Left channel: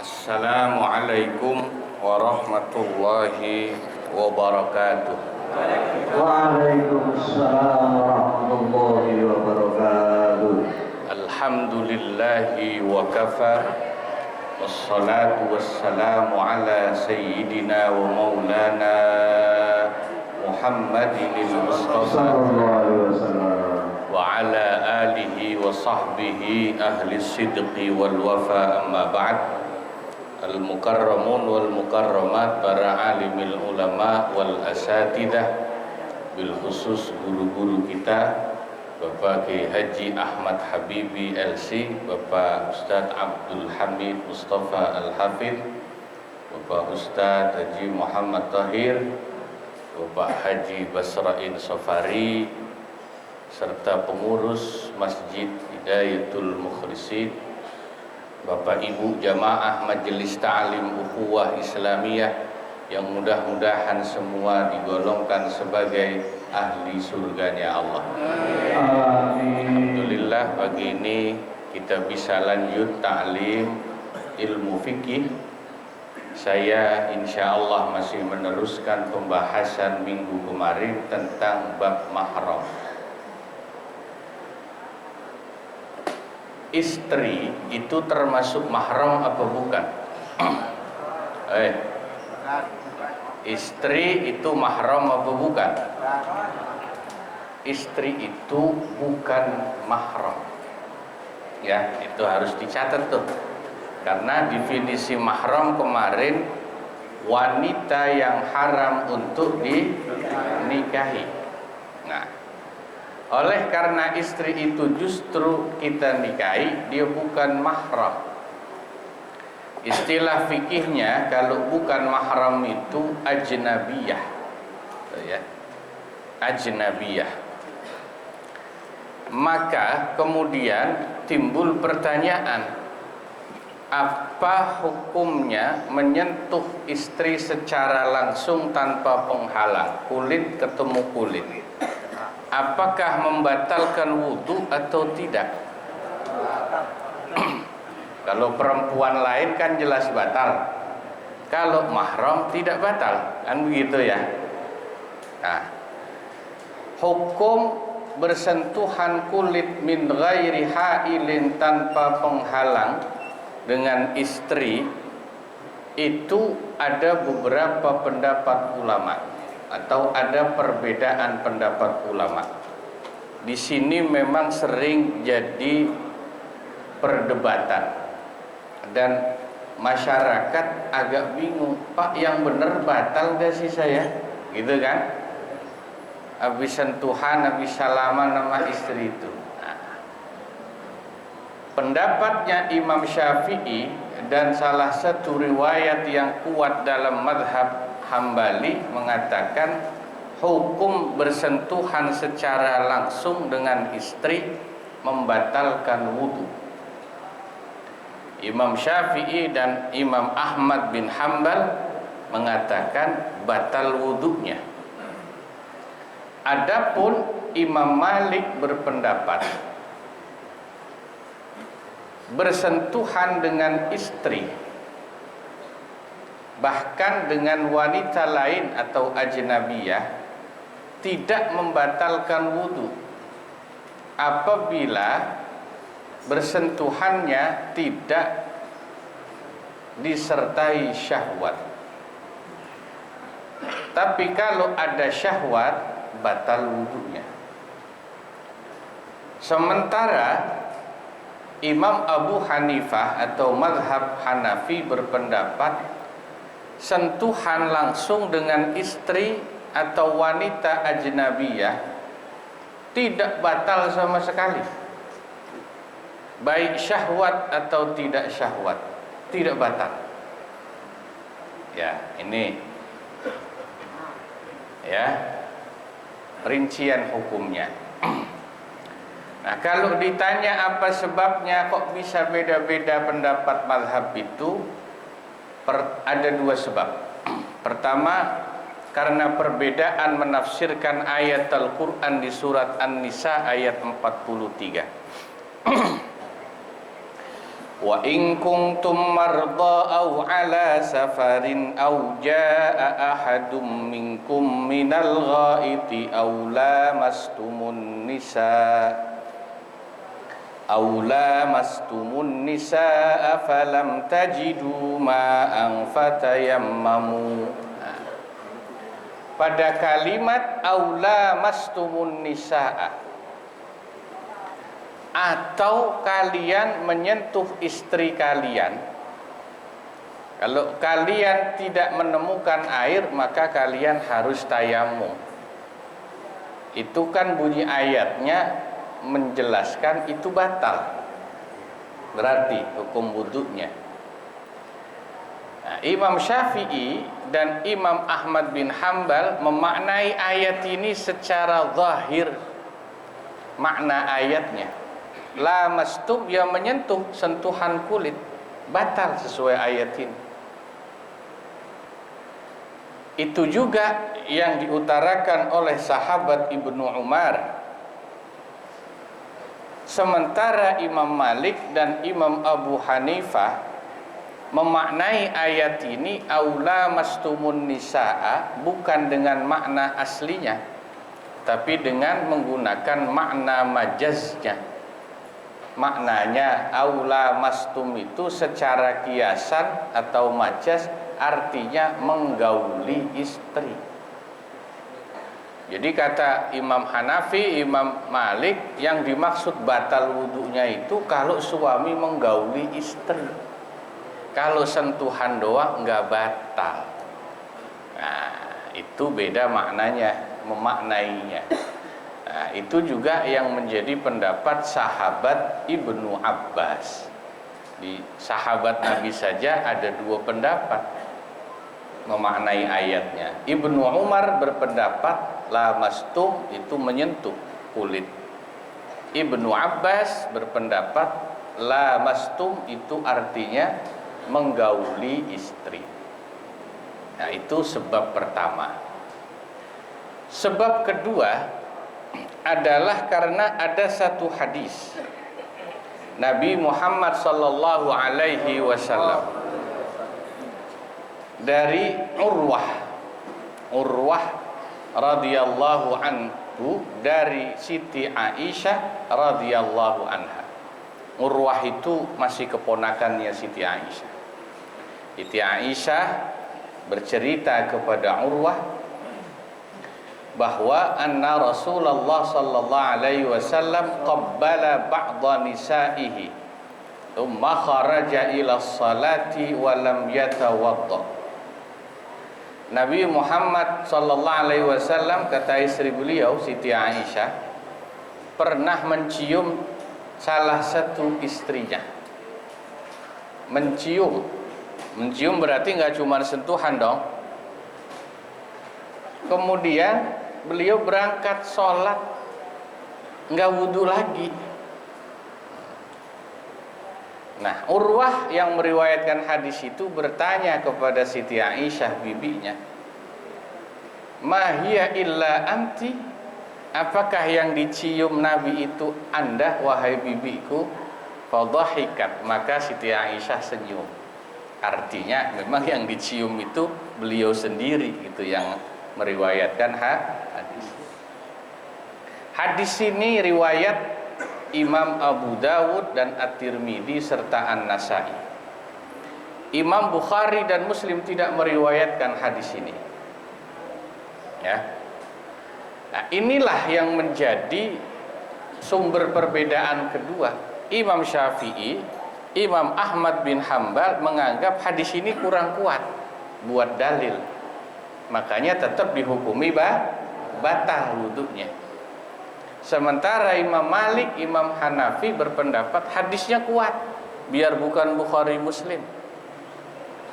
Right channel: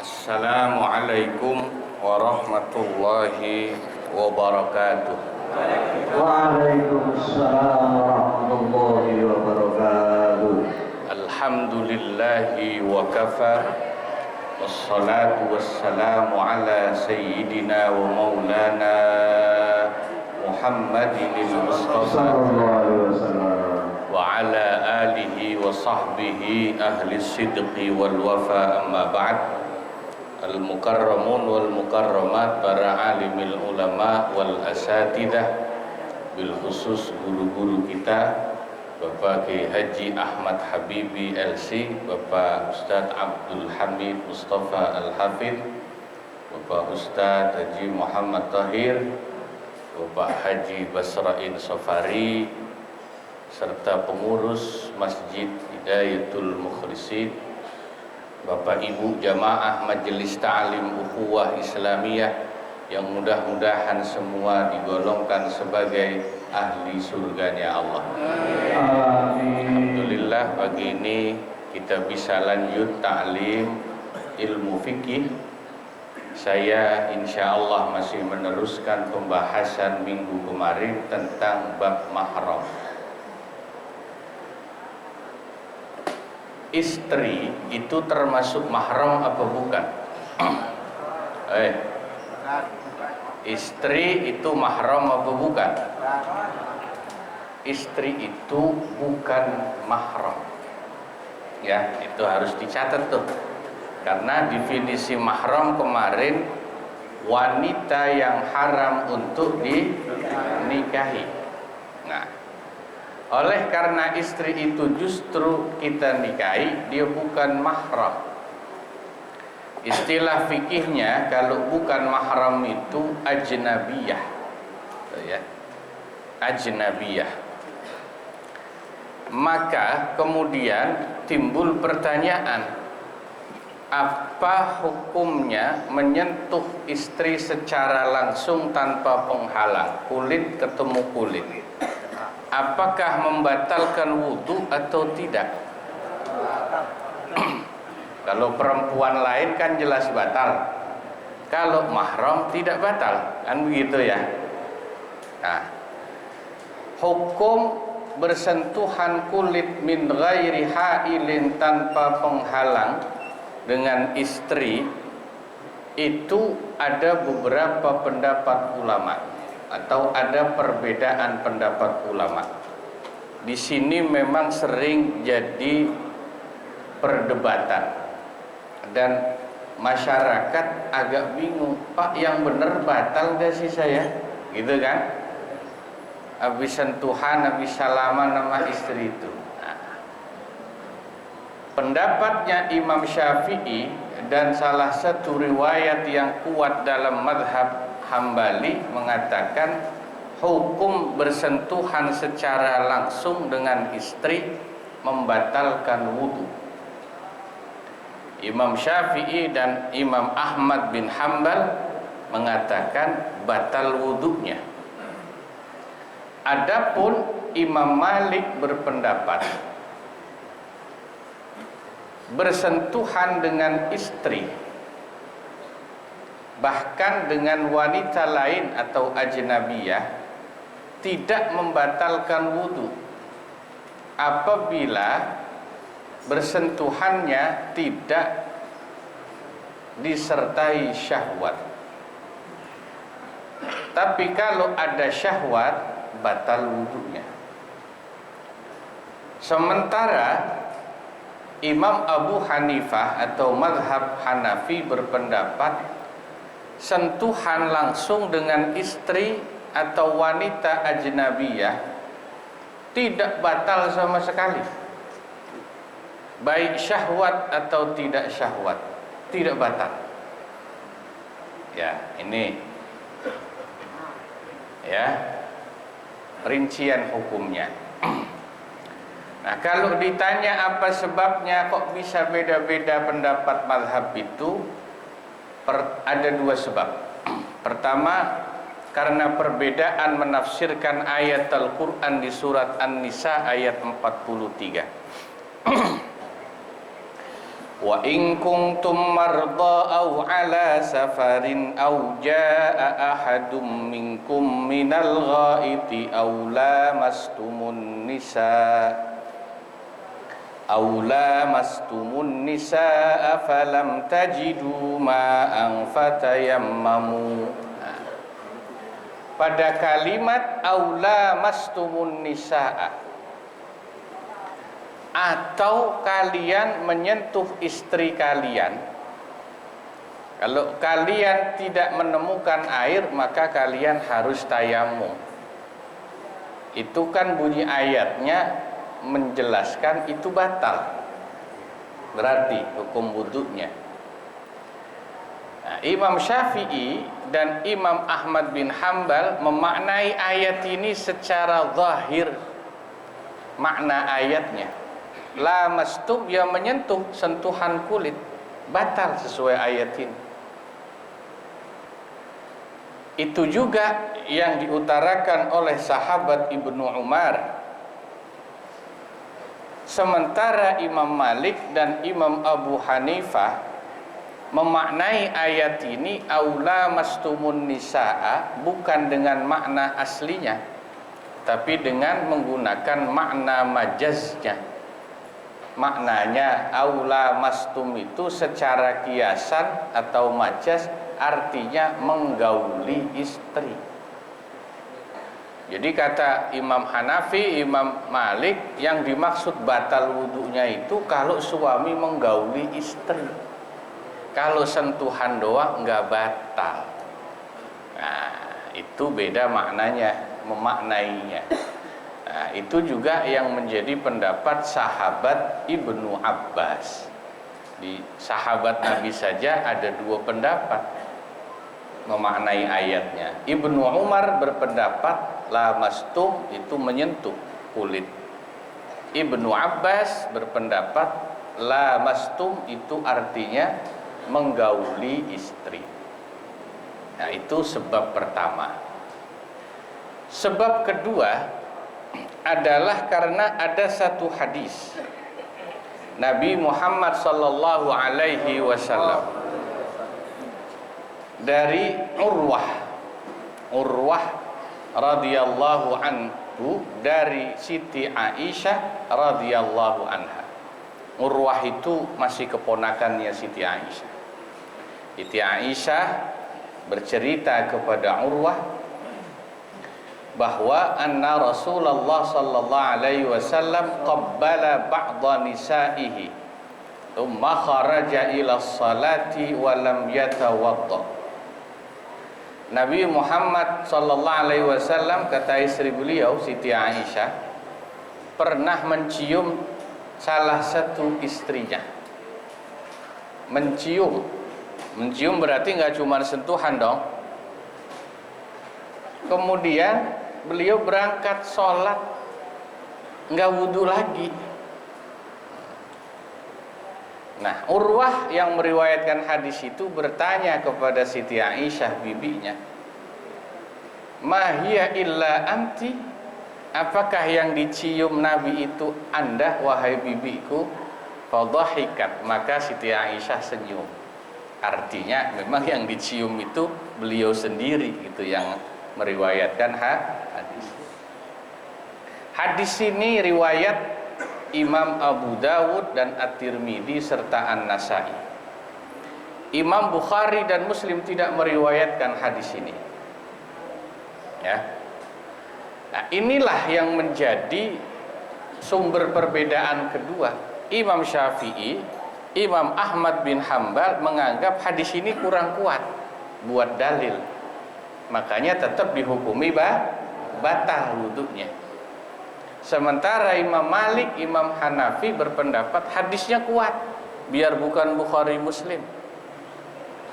Assalamualaikum warahmatullahi wabarakatuh. Waalaikumsalam warahmatullahi wabarakatuh. Alhamdulillahi wa kafa, wassalatu wassalamu ala sayyidina wa maulana Muhammadin al-Mustafa Sallallahu alaihi wasallam. wa ala alihi wa sahbihi ahli sidqi wal wafa, amma ba'd. Al-mukarramun wal mukarramat, para alimil ulama wal asatidah, bil khusus guru-guru kita, Bapak Kiai Haji Ahmad Habibi LC, Bapak Ustadz Abdul Hamid Mustafa Al-Hafidh, Bapak Ustadz Haji Muhammad Tahir, Bapak Haji Basrain Safari, serta pengurus Masjid Hidayatul Mukhlisin, Bapak Ibu jamaah Majelis Ta'lim Ukhuwah Islamiyah, yang mudah-mudahan semua digolongkan sebagai ahli surganya Allah. Amin. Alhamdulillah, pagi ini kita bisa lanjut ta'lim ilmu fikih. Saya insya Allah masih meneruskan pembahasan minggu kemarin tentang bab mahram. Istri itu termasuk mahram apa bukan? Istri itu mahram apa bukan? Istri itu bukan mahram. Ya, itu harus dicatat tuh. Karena definisi mahram kemarin, wanita yang haram untuk dinikahi. Nah, oleh karena istri itu justru kita nikahi, dia bukan mahram. Istilah fikihnya kalau bukan mahram itu ajnabiyah, ya, ajnabiyah. Maka kemudian timbul pertanyaan, apa hukumnya menyentuh istri secara langsung tanpa penghalang, kulit ketemu kulit? Apakah membatalkan wudu atau tidak? Kalau perempuan lain kan jelas batal. Kalau mahram tidak batal, kan begitu ya. Nah, hukum bersentuhan kulit min ghairi hailin, tanpa penghalang, dengan istri itu ada beberapa pendapat ulama, atau ada perbedaan pendapat ulama. Di sini memang sering jadi perdebatan dan masyarakat agak bingung, Pak, yang benar batal gak sih saya? Gitu kan? Habis sentuhan, habis salaman sama istri itu. Nah, pendapatnya Imam Syafi'i dan salah satu riwayat yang kuat dalam madhab Hambali mengatakan hukum bersentuhan secara langsung dengan istri membatalkan wudu. Imam Syafi'i dan Imam Ahmad bin Hambal mengatakan batal wudunya. Adapun Imam Malik berpendapat bersentuhan dengan istri, bahkan dengan wanita lain atau ajnabiyah, tidak membatalkan wudu apabila bersentuhannya tidak disertai syahwat. Tapi kalau ada syahwat, batal wudunya. Sementara Imam Abu Hanifah atau mazhab Hanafi berpendapat sentuhan langsung dengan istri atau wanita ajnabiyah tidak batal sama sekali, baik syahwat atau tidak syahwat, tidak batal. Ya, ini ya rincian hukumnya. Nah, kalau ditanya apa sebabnya kok bisa beda-beda pendapat mazhab itu, ada dua sebab. Pertama, karena perbedaan menafsirkan ayat Al-Quran di surat An-Nisa ayat 43. Wa in kuntum marda aw ala safarin aw jaa ahadum minkum minal ghaiti aw lamastumun nisaa falam tajidu ma'an fatayammamu. Pada kalimat aw lamastumun nisaa, atau kalian menyentuh istri kalian. Kalau kalian tidak menemukan air, maka kalian harus tayamum. Itu kan bunyi ayatnya menjelaskan itu batal, berarti hukum wudunya. Nah, Imam Syafi'i dan Imam Ahmad bin Hambal memaknai ayat ini secara zahir. Makna ayatnya, lamastum, yang menyentuh, sentuhan kulit, batal sesuai ayat ini. Itu juga yang diutarakan oleh sahabat Ibnu Umar. Sementara Imam Malik dan Imam Abu Hanifah memaknai ayat ini aula mastumun nisaa bukan dengan makna aslinya, tapi dengan menggunakan makna majaznya. Maknanya aula mastum itu secara kiasan atau majaz artinya menggauli istri. Jadi kata Imam Hanafi, Imam Malik, yang dimaksud batal wudunya itu kalau suami menggauli istri. Kalau sentuhan doang enggak batal. Nah, itu beda maknanya, memaknainya. Nah, itu juga yang menjadi pendapat sahabat Ibnu Abbas. Di sahabat Nabi saja ada dua pendapat memaknai ayatnya. Ibnu Umar berpendapat lamastum itu menyentuh kulit. Ibnu Abbas berpendapat lamastum itu artinya menggauli istri. Nah, itu sebab pertama. Sebab kedua adalah karena ada satu hadis Nabi Muhammad sallallahu alaihi wasallam dari Urwah radhiyallahu anhu dari Siti Aisyah radhiyallahu anha. Urwah itu masih keponakannya Siti Aisyah. Siti Aisyah bercerita kepada Urwah bahwa anna Rasulullah sallallahu alaihi wasallam qabbala ba'dha nisaihi thumma kharaja ila salati wa lam yatawadda. Nabi Muhammad sallallahu alaihi wasallam, kata istri beliau Siti Aisyah, pernah mencium salah satu istrinya. Mencium berarti enggak cuma sentuhan dong. Kemudian beliau berangkat sholat, enggak wudhu lagi. Nah, Urwah yang meriwayatkan hadis itu bertanya kepada Siti Aisyah bibinya, "Ma hiya illa anti?" Apakah yang dicium Nabi itu Anda, wahai bibiku? Fadhahikat, maka Siti Aisyah senyum. Artinya memang yang dicium itu beliau sendiri gitu yang meriwayatkan hadis. Hadis ini riwayat Imam Abu Dawud dan At-Tirmidzi serta An-Nasai. Imam Bukhari dan Muslim tidak meriwayatkan hadis ini. Ya. Nah, inilah yang menjadi sumber perbedaan kedua. Imam Syafi'i, Imam Ahmad bin Hambal menganggap hadis ini kurang kuat buat dalil. Makanya tetap dihukumi batal wudunya. Sementara Imam Malik, Imam Hanafi berpendapat hadisnya kuat, biar bukan Bukhari Muslim,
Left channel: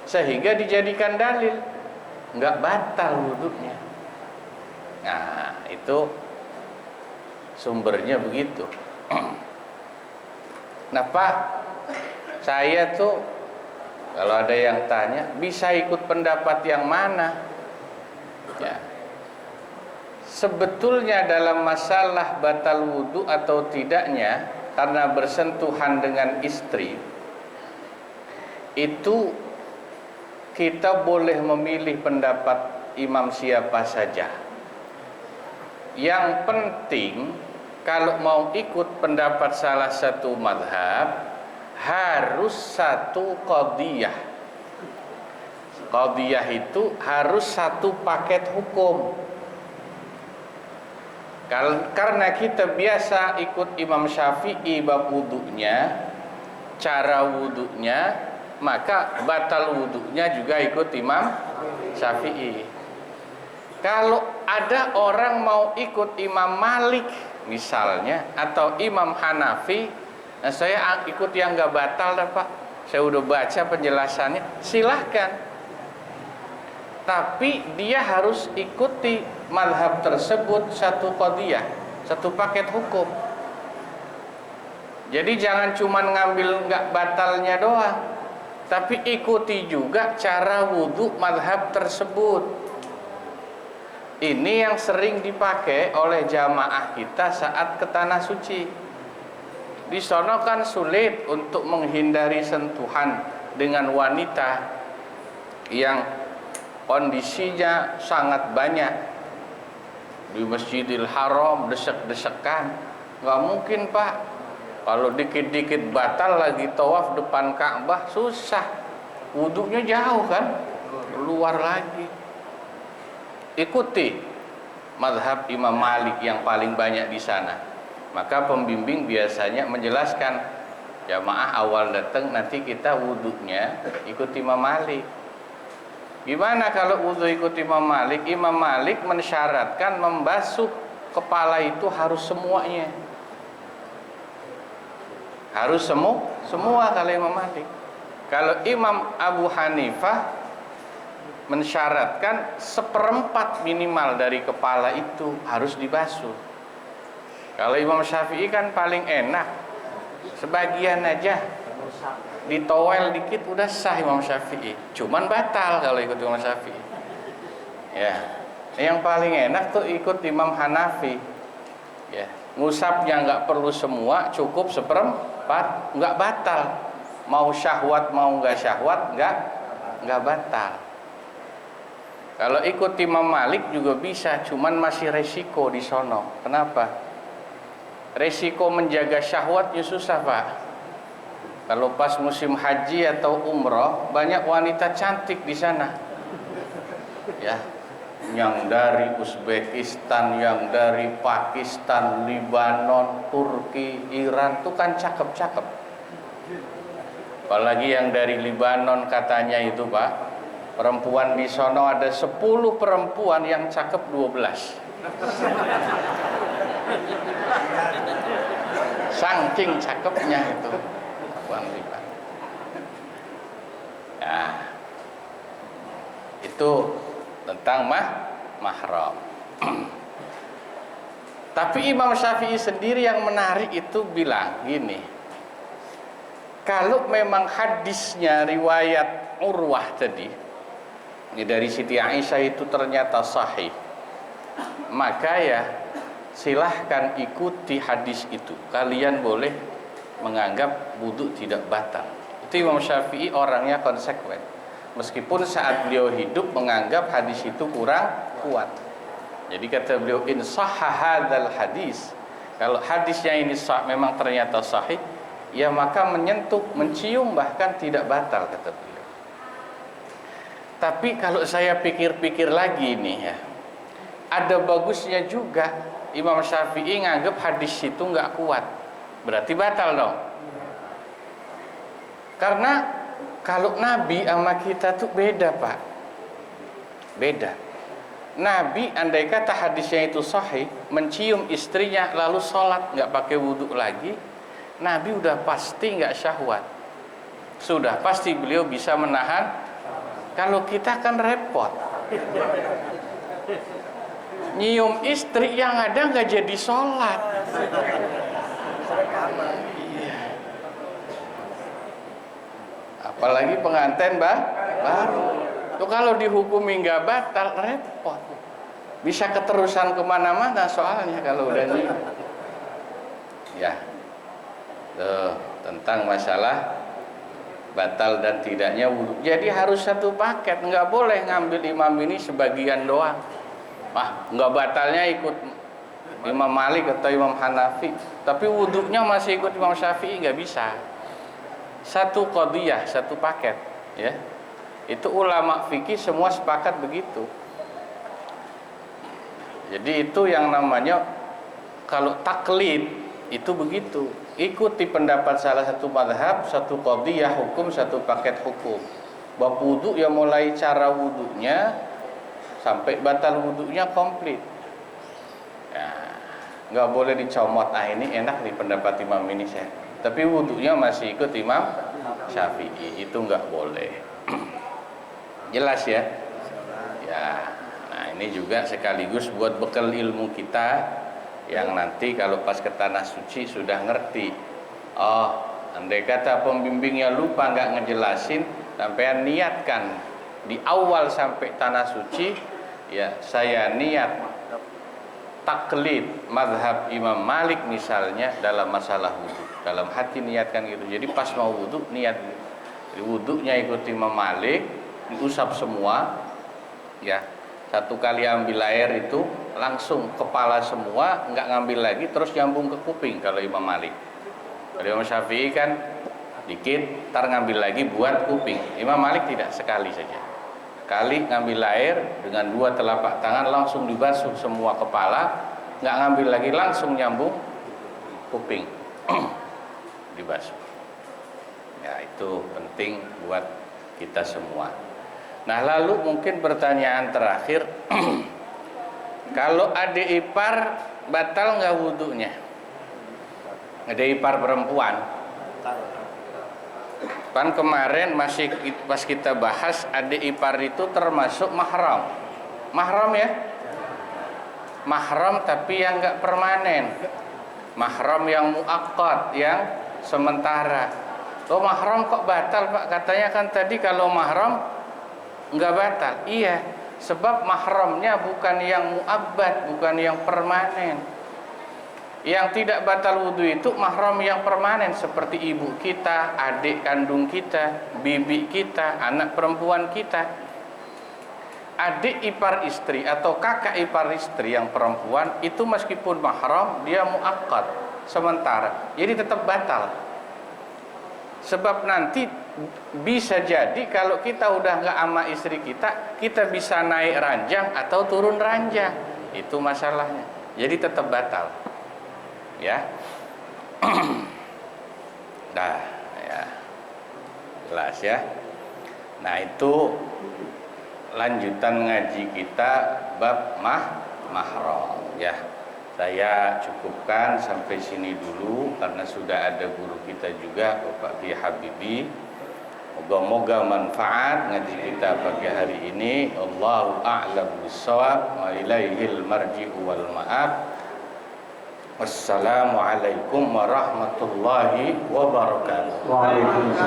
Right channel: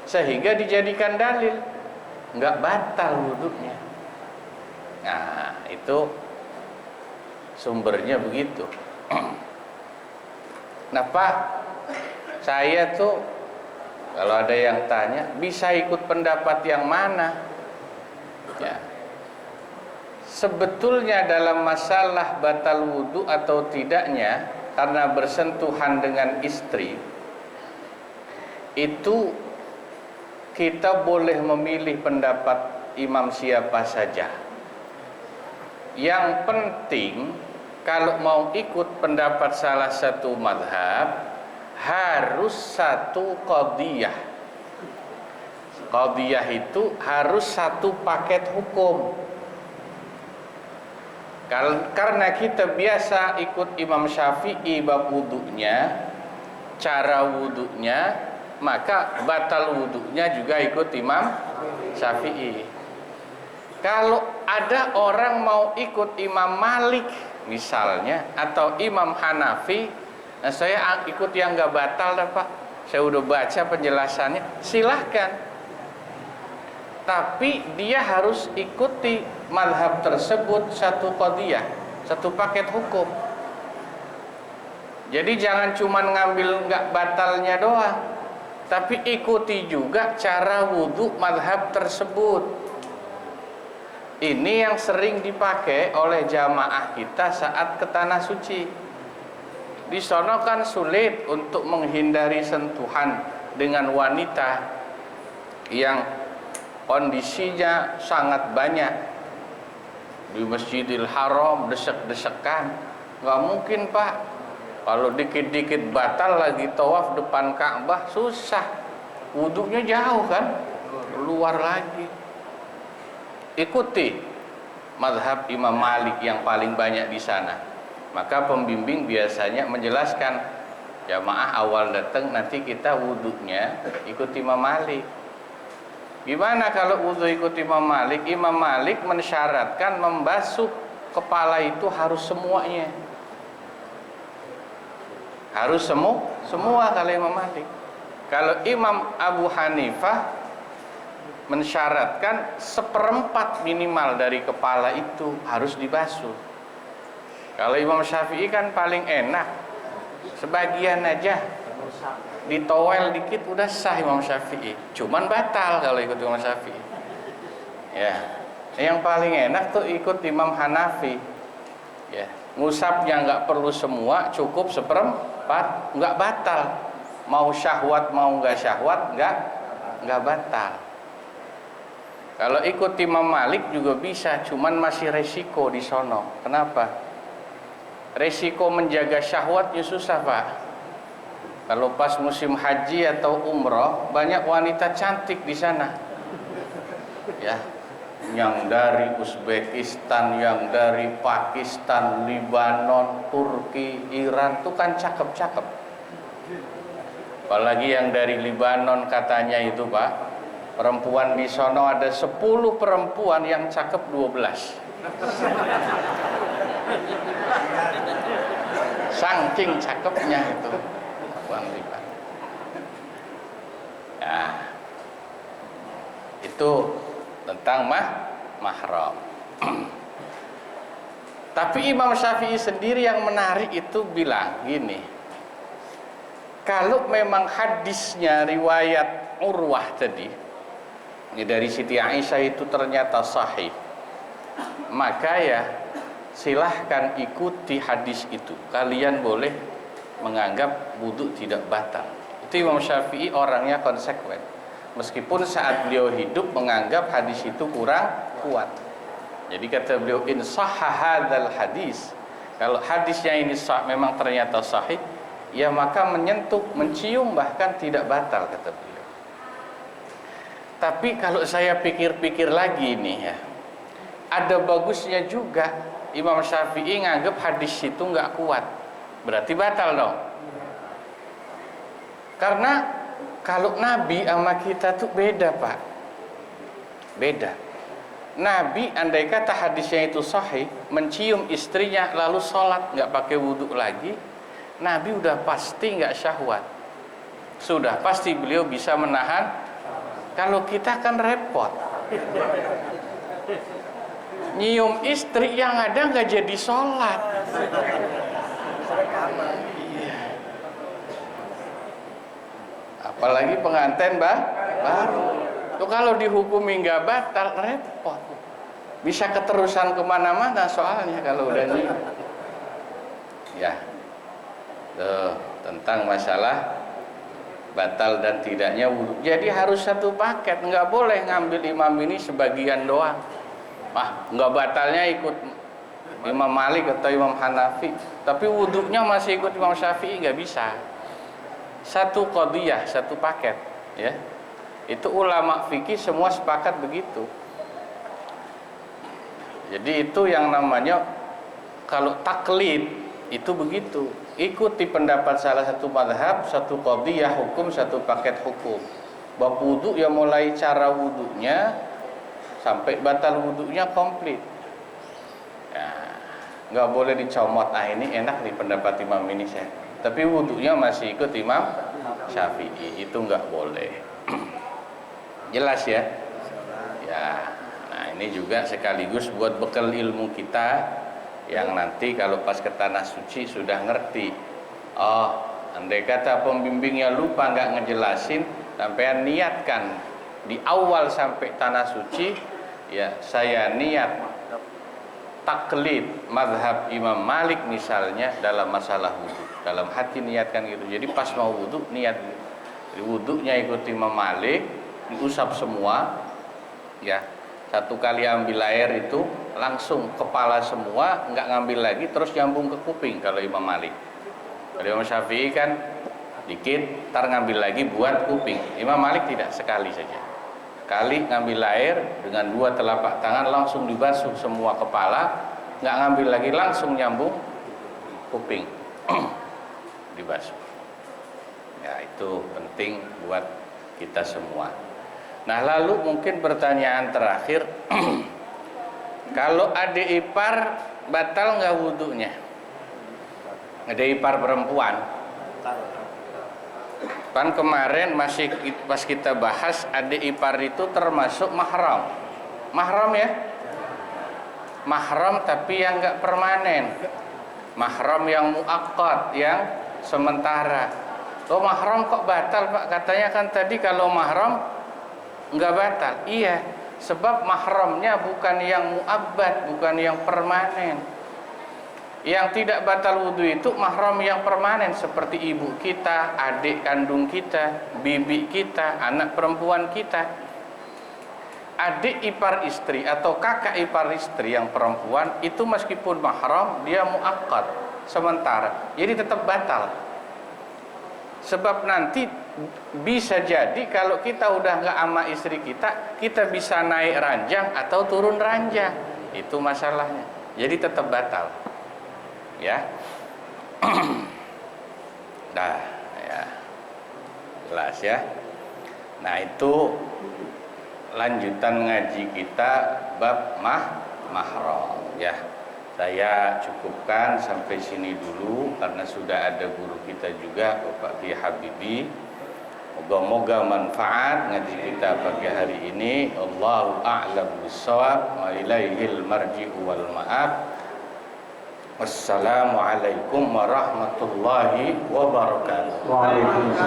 sehingga dijadikan dalil, enggak batal wudunya. Nah, itu sumbernya begitu. Nah Pak, saya tuh kalau ada yang tanya bisa ikut pendapat yang mana? Ya. Sebetulnya dalam masalah batal wudu atau tidaknya karena bersentuhan dengan istri, itu kita boleh memilih pendapat imam siapa saja. Yang penting kalau mau ikut pendapat salah satu mazhab harus satu qadhiyah. Qadhiyah itu harus satu paket hukum. Karena kita biasa ikut Imam Syafi'i bab wudunya, cara wudunya, maka batal wudunya juga ikut Imam Syafi'i. Kalau ada orang mau ikut Imam Malik misalnya atau Imam Hanafi, nah saya ikut yang nggak batal dah Pak, saya udah baca penjelasannya, silahkan. Tapi dia harus ikuti mazhab tersebut satu qadhiyah, satu paket hukum. Jadi jangan cuma ngambil nggak batalnya doang, tapi ikuti juga cara wudhu mazhab tersebut. Ini yang sering dipakai oleh jamaah kita saat ke tanah suci. Di sono kan sulit untuk menghindari sentuhan dengan wanita yang kondisinya sangat banyak. Di Masjidil Haram desek-desekan, nggak mungkin Pak. Kalau dikit-dikit batal lagi tawaf depan Ka'bah susah, wudunya jauh kan, keluar lagi. Ikuti mazhab Imam Malik yang paling banyak di sana. Maka pembimbing biasanya menjelaskan, jamaah awal datang nanti kita wudunya ikut Imam Malik. Gimana kalau wudu ikut Imam Malik? Imam Malik mensyaratkan membasuh kepala itu harus semuanya. Harus semua kalau Imam Malik. Kalau Imam Abu Hanifah mensyaratkan 1/4 minimal dari kepala itu harus dibasuh. Kalau Imam Syafi'i kan paling enak, sebagian aja, ditowel dikit udah sah Imam Syafi'i. Cuman batal kalau ikut Imam Syafi'i. Ya, yang paling enak tuh ikut Imam Hanafi. Ya, ngusapnya nggak perlu semua, cukup 1/4, nggak batal. Mau syahwat mau nggak syahwat nggak batal. Kalau ikut Imam Malik juga bisa, cuman masih resiko di sono. Kenapa? Resiko menjaga syahwatnya susah Pak. Kalau pas musim haji atau umroh, banyak wanita cantik di sana. Ya, yang dari Uzbekistan, yang dari Pakistan, Libanon, Turki, Iran, itu kan cakep-cakep. Apalagi yang dari Libanon katanya itu Pak, perempuan di sono ada 10 perempuan yang cakep 12. Saking cakepnya itu perempuan Libanon. Nah, itu tentang mahram. Tapi Imam Syafi'i sendiri yang menarik itu bilang gini, kalau memang hadisnya riwayat Urwah tadi, ini dari Siti Aisyah itu ternyata sahih, maka ya silahkan ikuti hadis itu. Kalian boleh menganggap wudu tidak batal. Itu Imam Syafi'i orangnya konsekuen. Meskipun saat beliau hidup menganggap hadis itu kurang kuat. Jadi kata beliau, in sahha hadzal hadis, kalau hadisnya ini memang ternyata sahih, ya maka menyentuh, mencium bahkan tidak batal kata beliau. Tapi kalau saya pikir-pikir lagi nih ya, ada bagusnya juga. Imam Syafi'i nganggap hadis itu nggak kuat, berarti batal dong. Karena kalau Nabi sama kita tuh beda Pak, beda. Nabi andai kata hadisnya itu sahih, mencium istrinya lalu sholat nggak pakai wudhu lagi, Nabi udah pasti nggak syahwat, sudah pasti beliau bisa menahan. Kalau kita kan repot, nyium istri yang ada nggak jadi sholat. Iya. Apalagi pengantin baru. Tuh kalau dihukumi nggak batal repot. Bisa keterusan kemana-mana soalnya kalau udah nyium. Ya. Tuh, tentang masalah batal dan tidaknya wudu. Jadi harus satu paket, nggak boleh ngambil imam ini sebagian doang. Nggak batalnya ikut Imam Malik atau Imam Hanafi, tapi wudunya masih ikut Imam Syafi'i, nggak bisa. Satu qadiyah, satu paket, ya. Itu ulama fikih semua sepakat begitu. Jadi itu yang namanya kalau taklid itu begitu. Ikuti pendapat salah satu mazhab, satu qadiyah hukum, satu paket hukum. Bab wudu ya mulai cara wudunya sampai batal wudunya komplit. Ya, nggak boleh dicomot. Ini enak nih pendapat imam ini saya. Tapi wudunya masih ikut Imam Syafi'i, itu nggak boleh. Jelas ya? Ya. Nah ini juga sekaligus buat bekal ilmu kita yang nanti kalau pas ke tanah suci sudah ngerti. Andai kata pembimbingnya lupa nggak ngejelasin, sampai niatkan di awal sampai tanah suci, ya saya niat taklid mazhab Imam Malik misalnya dalam masalah wudu. Dalam hati niatkan gitu. Jadi pas mau wudu niat wudunya ikut Imam Malik, diusap semua, ya. Satu kali ambil air itu langsung kepala semua, nggak ngambil lagi, terus nyambung ke kuping kalau Imam Malik. Kalau Imam Syafi'i kan dikit, ntar ngambil lagi buat kuping. Imam Malik tidak, sekali saja. Kali ngambil air dengan dua telapak tangan langsung dibasuh semua kepala, nggak ngambil lagi, langsung nyambung kuping, dibasuh. Ya itu penting buat kita semua. Nah lalu mungkin pertanyaan terakhir, kalau adik ipar batal nggak wudunya? Adik ipar perempuan. Kan kemarin masih pas kita bahas adik ipar itu termasuk mahram. Mahram ya? Mahram tapi yang nggak permanen. Mahram yang muakkad, yang sementara. Mahram kok batal Pak? Katanya kan tadi kalau mahram nggak batal. Iya, sebab mahramnya bukan yang muabbad, bukan yang permanen. Yang tidak batal wudu itu mahram yang permanen, seperti ibu kita, adik kandung kita, bibi kita, anak perempuan kita. Adik ipar istri atau kakak ipar istri yang perempuan itu meskipun mahram dia muakkad, sementara, jadi tetap batal. Sebab nanti bisa jadi kalau kita udah nggak sama istri kita, kita bisa naik ranjang atau turun ranjang. Itu masalahnya. Jadi tetap batal. Ya. Nah, ya. Jelas ya. Nah, itu lanjutan ngaji kita bab mahram ya. Saya cukupkan sampai sini dulu karena sudah ada guru kita juga Bapak Kiai Habibi. Moga-moga manfaat ngaji kita pagi hari ini. Allahu a'lam bissawab wa ilaihil marji'u wal ma'ab. Wassalamualaikum warahmatullahi wabarakatuh. Waalaikumsalam.